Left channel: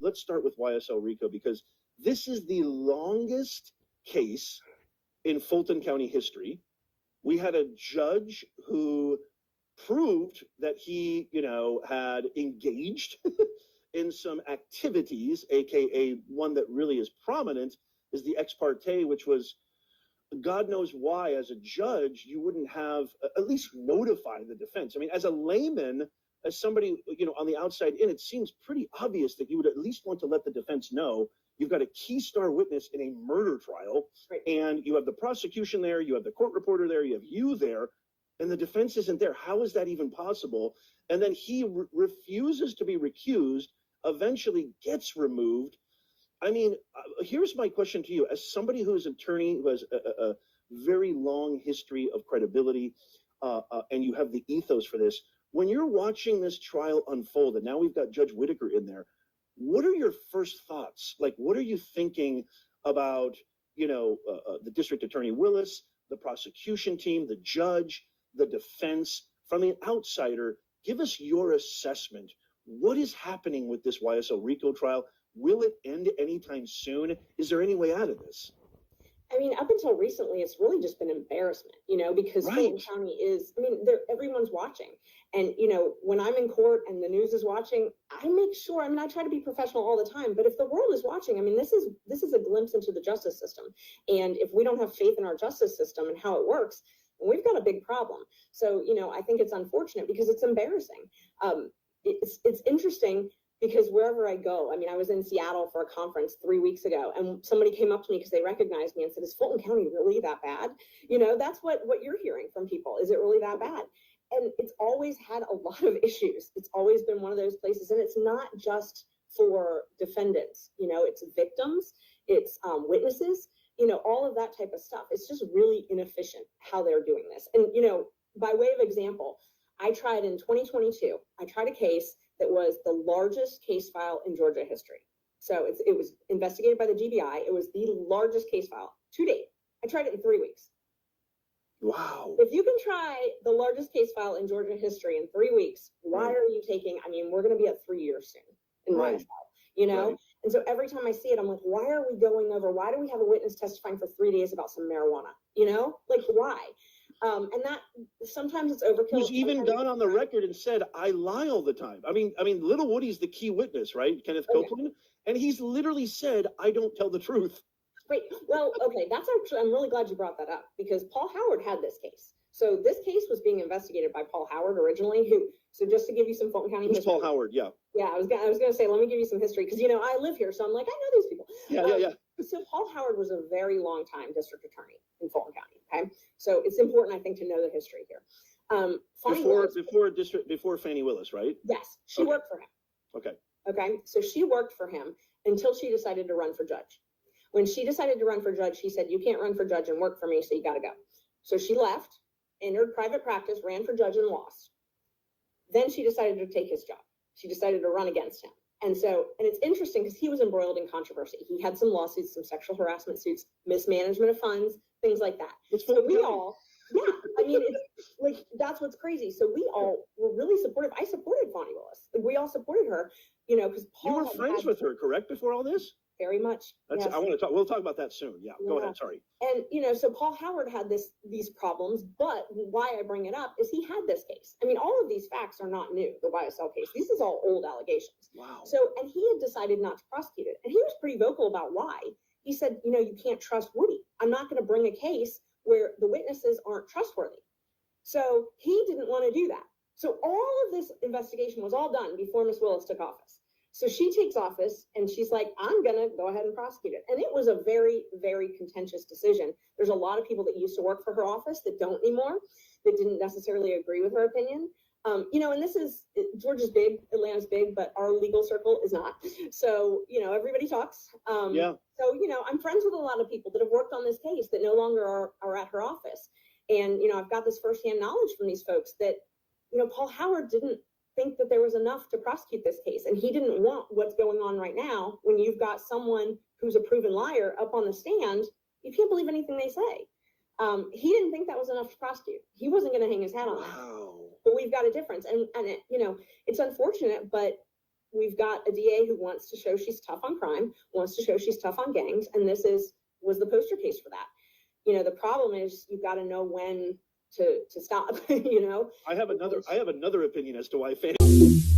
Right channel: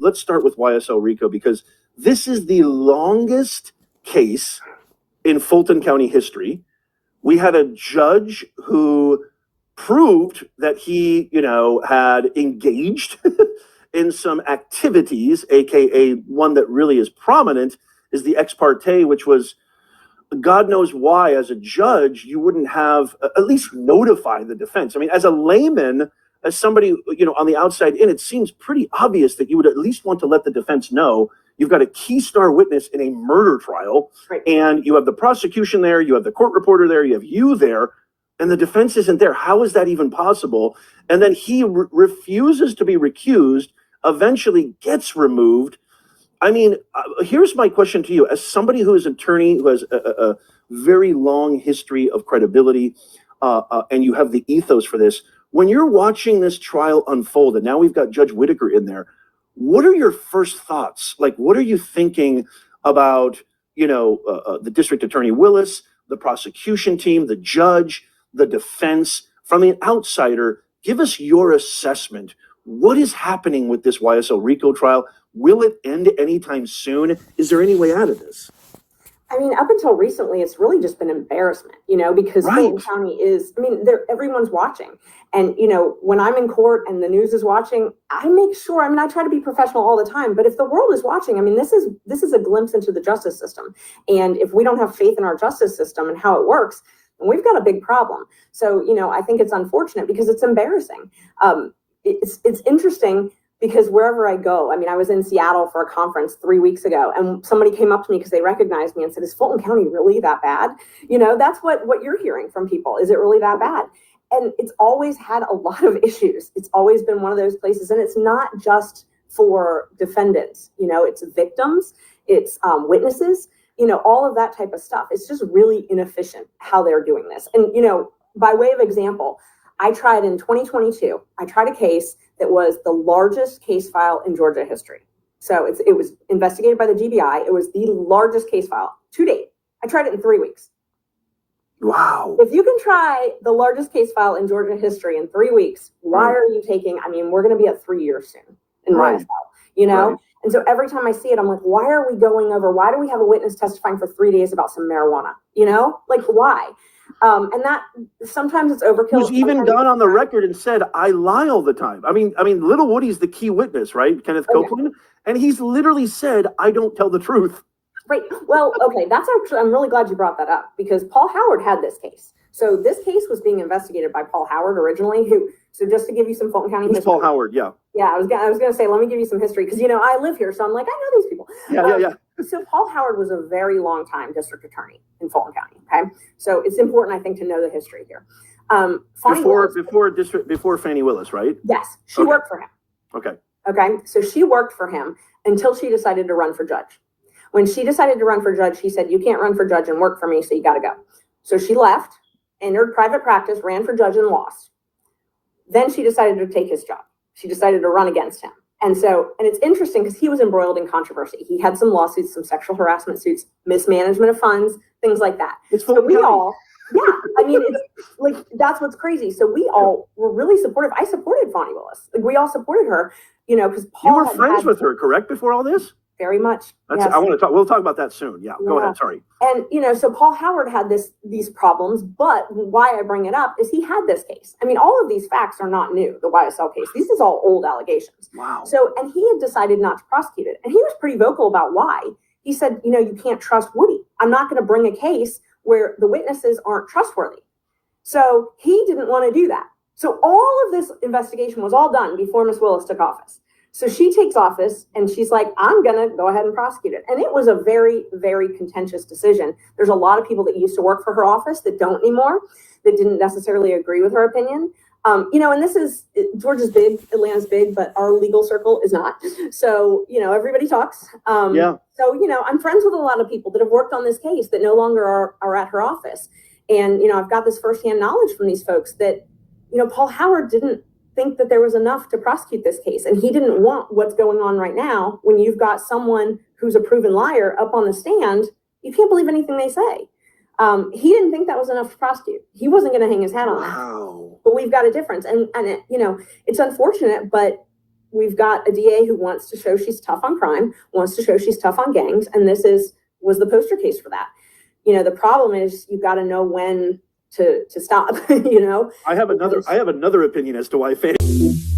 Let's start with YSL Rico because this is the longest case in Fulton County history. We had a judge who proved that he, had engaged in some activities, aka one that really is prominent is the ex parte, which was God knows why, as a judge, you wouldn't have at least notify the defense. I mean, as a layman, as somebody, on the outside in, it seems pretty obvious that you would at least want to let the defense know you've got a key star witness in a murder trial, right, and you have the prosecution there, you have the court reporter there, you have you there, and the defense isn't there. How is that even possible? And then he refuses to be recused, eventually gets removed. I mean, here's my question to you. As somebody who is an attorney who has a very long history of credibility, and you have the ethos for this, when you're watching this trial unfold, and now we've got Judge Whitaker in there, what are your first thoughts? Like, what are you thinking about, the district attorney Willis, the prosecution team, the judge, the defense? From an outsider, give us your assessment. What is happening with this YSL Rico trial? Will it end anytime soon? Is there any way out of this? I mean, up until recently, it's really just been embarrassment, because Right. Fulton County is, everyone's watching. And, when I'm in court and the news is watching, I make sure, I try to be professional all the time, but if the world is watching, this is a glimpse into the justice system. And if we don't have faith in our justice system and how it works, then we've got a big problem. So, I think it's unfortunate because it's embarrassing. It's interesting because wherever I go, I was in Seattle for a conference 3 weeks ago, and somebody came up to me because they recognized me and said, "Is Fulton County really that bad?" That's what you're hearing from people. Is it really that bad? And it's always had a lot of issues. It's always been one of those places. And it's not just for defendants, it's victims, it's witnesses, all of that type of stuff. It's just really inefficient how they're doing this. And, by way of example, I tried in 2022, I tried a case that was the largest case file in Georgia history. So it was investigated by the GBI. It was the largest case file to date. I tried it in 3 weeks. Wow. If you can try the largest case file in Georgia history in 3 weeks, why are you taking, we're going to be at 3 years soon in my trial, Right. And so every time I see it, I'm like, why are we going over, why do we have a witness testifying for 3 days about some marijuana? Why? And that sometimes it's overkill. Who's even gone on the record and said, I lie all the time. I mean, Little Woody's the key witness, right? Kenneth Copeland. And he's literally said, I don't tell the truth. Right. Well, okay. That's actually, I'm really glad you brought that up because Paul Howard had this case. So this case was being investigated by Paul Howard originally, so just to give you some Fulton County history. Paul Howard, yeah. Yeah, I was going to say, let me give you some history because, I live here. So I'm like, I know these people. Yeah. So Paul Howard was a very long time district attorney in Fulton County. Okay. So it's important, I think, to know the history here. Before Fannie Willis, right? Yes. She worked for him. Okay. So she worked for him until she decided to run for judge. When she decided to run for judge, he said, you can't run for judge and work for me, so you got to go. So she left, entered private practice, ran for judge and lost. Then she decided to take his job. She decided to run against him. And it's interesting because he was embroiled in controversy. He had some lawsuits, some sexual harassment suits, mismanagement of funds, things like that. It's that's what's crazy. So we all were really supportive. I supported Fonnie Willis. We all supported her, because Paul. You were friends with her, correct, before all this? Very much. Yes. I want to talk. We'll talk about that soon. Yeah, go ahead. Sorry. And so Paul Howard had these problems, but why I bring it up is he had this case. All of these facts are not new. The YSL case. This is all old allegations. Wow. So, and he had decided not to prosecute it, and he was pretty vocal about why. He said, you can't trust Woody. I'm not going to bring a case where the witnesses aren't trustworthy. So he didn't want to do that. So all of this investigation was all done before Miss Willis took office. So she takes office and she's like, I'm going to go ahead and prosecute it. And it was a very, very contentious decision. There's a lot of people that used to work for her office that don't anymore, that didn't necessarily agree with her opinion. And this is, Georgia's big, Atlanta's big, but our legal circle is not. So, everybody talks. So, I'm friends with a lot of people that have worked on this case that no longer are at her office. And, I've got this firsthand knowledge from these folks that, Paul Howard didn't think that there was enough to prosecute this case. And he didn't want what's going on right now when you've got someone who's a proven liar up on the stand. You can't believe anything they say. He didn't think that was enough to prosecute. He wasn't going to hang his hat on that. Wow. But we've got a difference. And it, you know, it's unfortunate, but we've got a DA who wants to show she's tough on crime, wants to show she's tough on gangs. And this was the poster case for that. You know, the problem is you've got to know when to stop, you know? I have another opinion as to why fans